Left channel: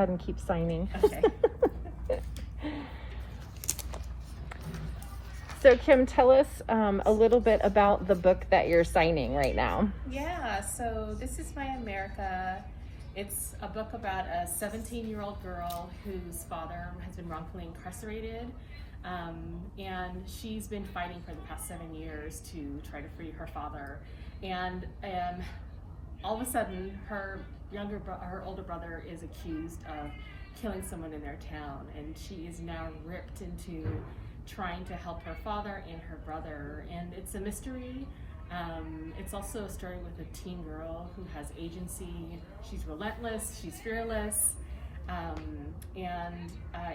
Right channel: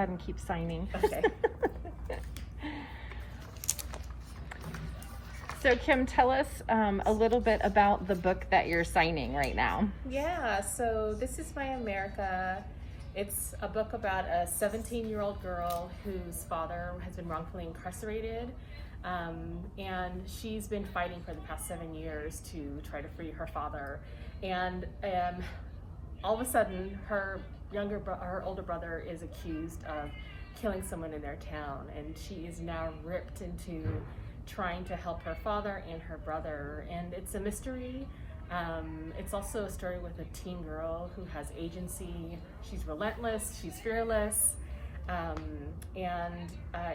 ahead and keep signing. Okay. So Kim, tell us a little bit about the book that you're signing right now. Yeah, so this is My America. It's a book about a 17-year-old girl whose father has been wrongfully incarcerated. And she's been fighting for the past 7 years to try to free her father. And all of a sudden, her older brother is accused of killing someone in their town, and she is now ripped into trying to help her father and her brother. And it's a mystery. It's also a story with a teen girl who has agency. She's relentless, she's fearless.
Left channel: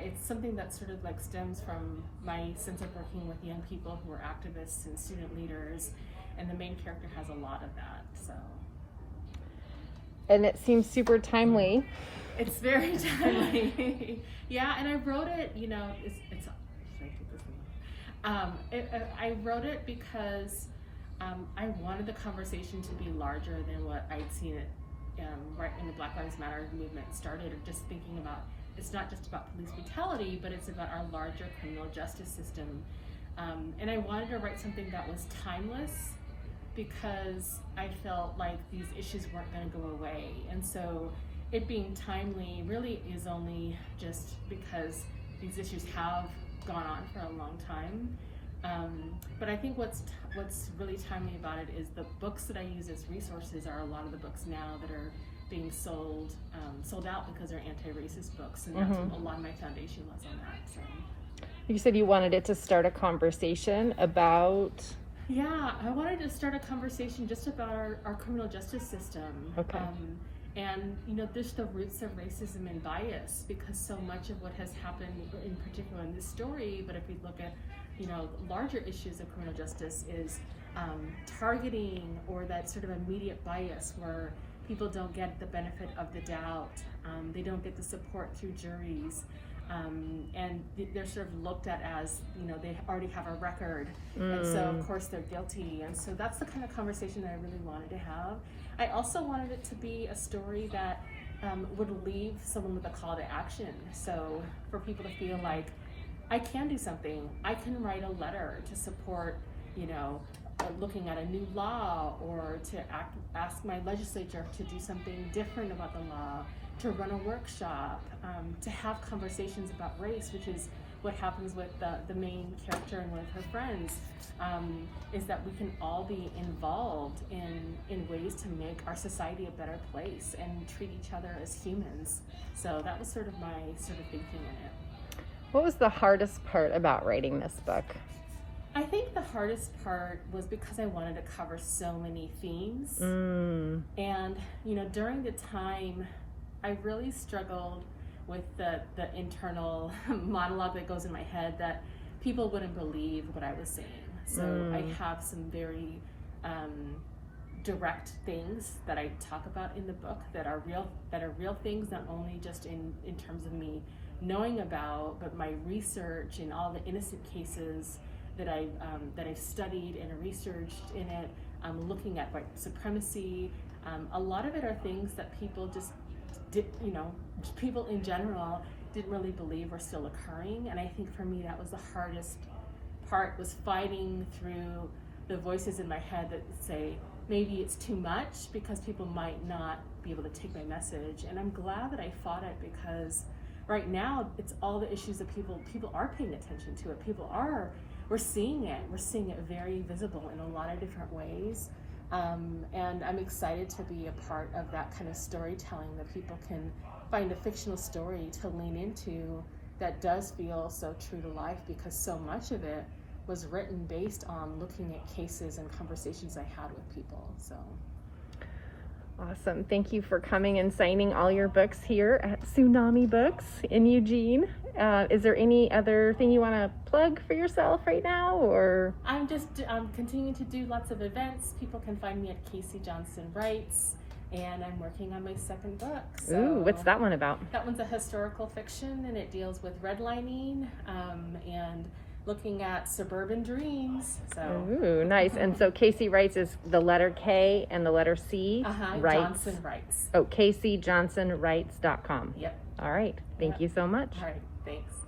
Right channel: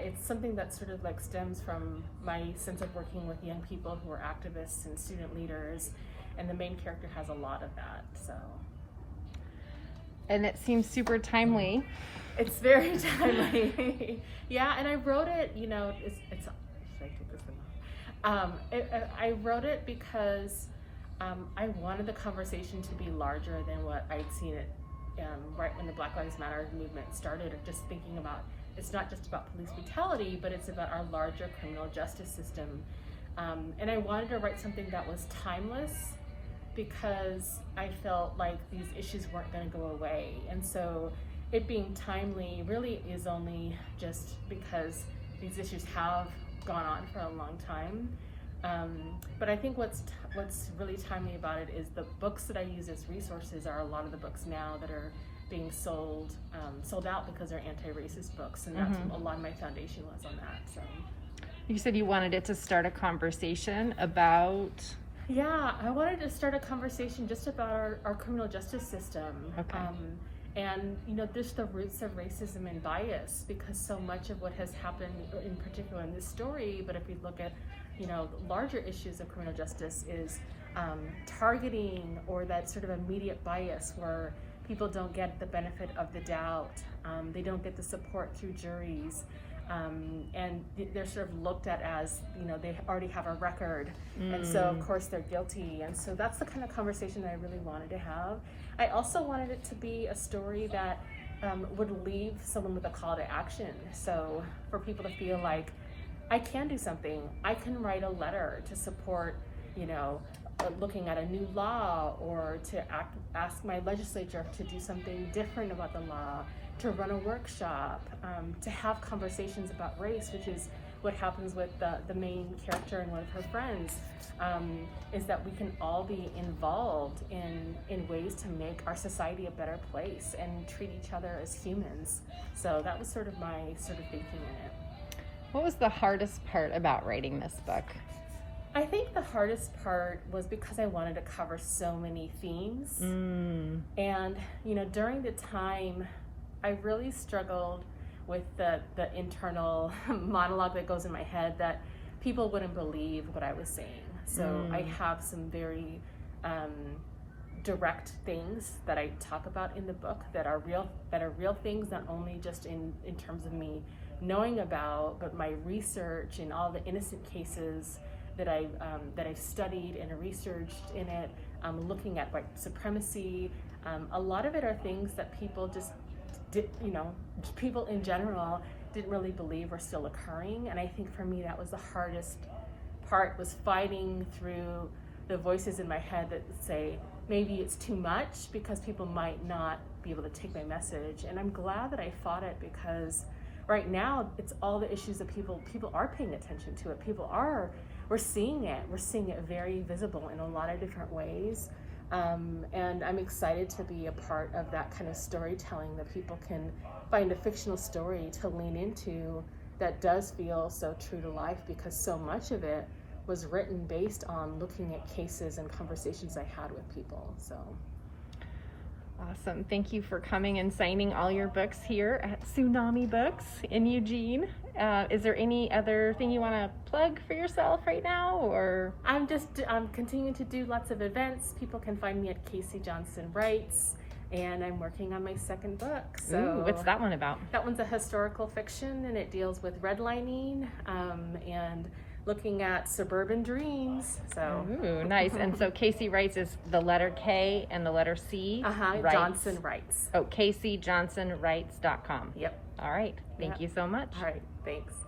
It's something that sort of like stems from my sense of working with young people who are activists and student leaders, and the main character has a lot of that. So, and it seems super timely. It's very timely. Yeah, and I wrote it, you know, should I take this one off? I wrote it because I wanted the conversation to be larger than what I'd seen it right when the Black Lives Matter movement started, or just thinking about, it's not just about police brutality, but it's about our larger criminal justice system. And I wanted to write something that was timeless, because I felt like these issues weren't going to go away. And so it being timely really is only just because these issues have gone on for a long time. But I think what's really timely about it is the books that I use as resources are a lot of the books now that are being sold out because they're anti-racist books, and that's what a lot of my foundation was on that. So you said you wanted it to start a conversation about. Yeah, I wanted to start a conversation just about our criminal justice system. Okay. And, you know, just the roots of racism and bias, because so much of what has happened, in particular in this story, but if we look at, you know, larger issues of criminal justice, is targeting, or that sort of immediate bias where people don't get the benefit of the doubt, they don't get the support through juries, and they're sort of looked at as, you know, they already have a record, and so of course they're guilty. And so that's the kind of conversation that I really wanted to have. I also wanted it to be a story that would leave someone with a call to action. So for people to feel like, I can do something. I can write a letter to support, you know, looking at a new law, or to ask my legislature to do something different about the law, to run a workshop, to have conversations about race, which is what happens with the main character and one of her friends, is that we can all be involved in ways to make our society a better place and treat each other as humans. So that was sort of my thinking in it. What was the hardest part about writing this book? I think the hardest part was because I wanted to cover so many themes. And, you know, during the time, I really struggled with the internal monologue that goes in my head that people wouldn't believe what I was saying. So I have some very direct things that I talk about in the book that are real things, not only just in terms of me knowing about, but my research and all the innocent cases that I've studied and researched in it, looking at white supremacy. A lot of it are things that people just did, you know, people in general didn't really believe were still occurring. And I think for me that was the hardest part, was fighting through the voices in my head that say maybe it's too much because people might not be able to take my message. And I'm glad that I fought it, because right now it's all the issues that people are paying attention to it. We're seeing it very visible in a lot of different ways. And I'm excited to be a part of that kind of storytelling, that people can find a fictional story to lean into that does feel so true to life, because so much of it was written based on looking at cases and conversations I had with people. So awesome. Thank you for coming and signing all your books here at Tsunami Books in Eugene. Is there any other thing you want to plug for yourself right now, or? I'm continuing to do lots of events. People can find me at Casey Johnson Writes, and I'm working on my second book. So ooh, what's that one about? That one's a historical fiction, and it deals with redlining and looking at suburban dreams. So ooh, nice. And so Casey Writes is the letter K and the letter C. Johnson Writes. Oh, CaseyJohnsonWrites.com. Yep. All right. Thank Yeah. you so much. All right, thanks.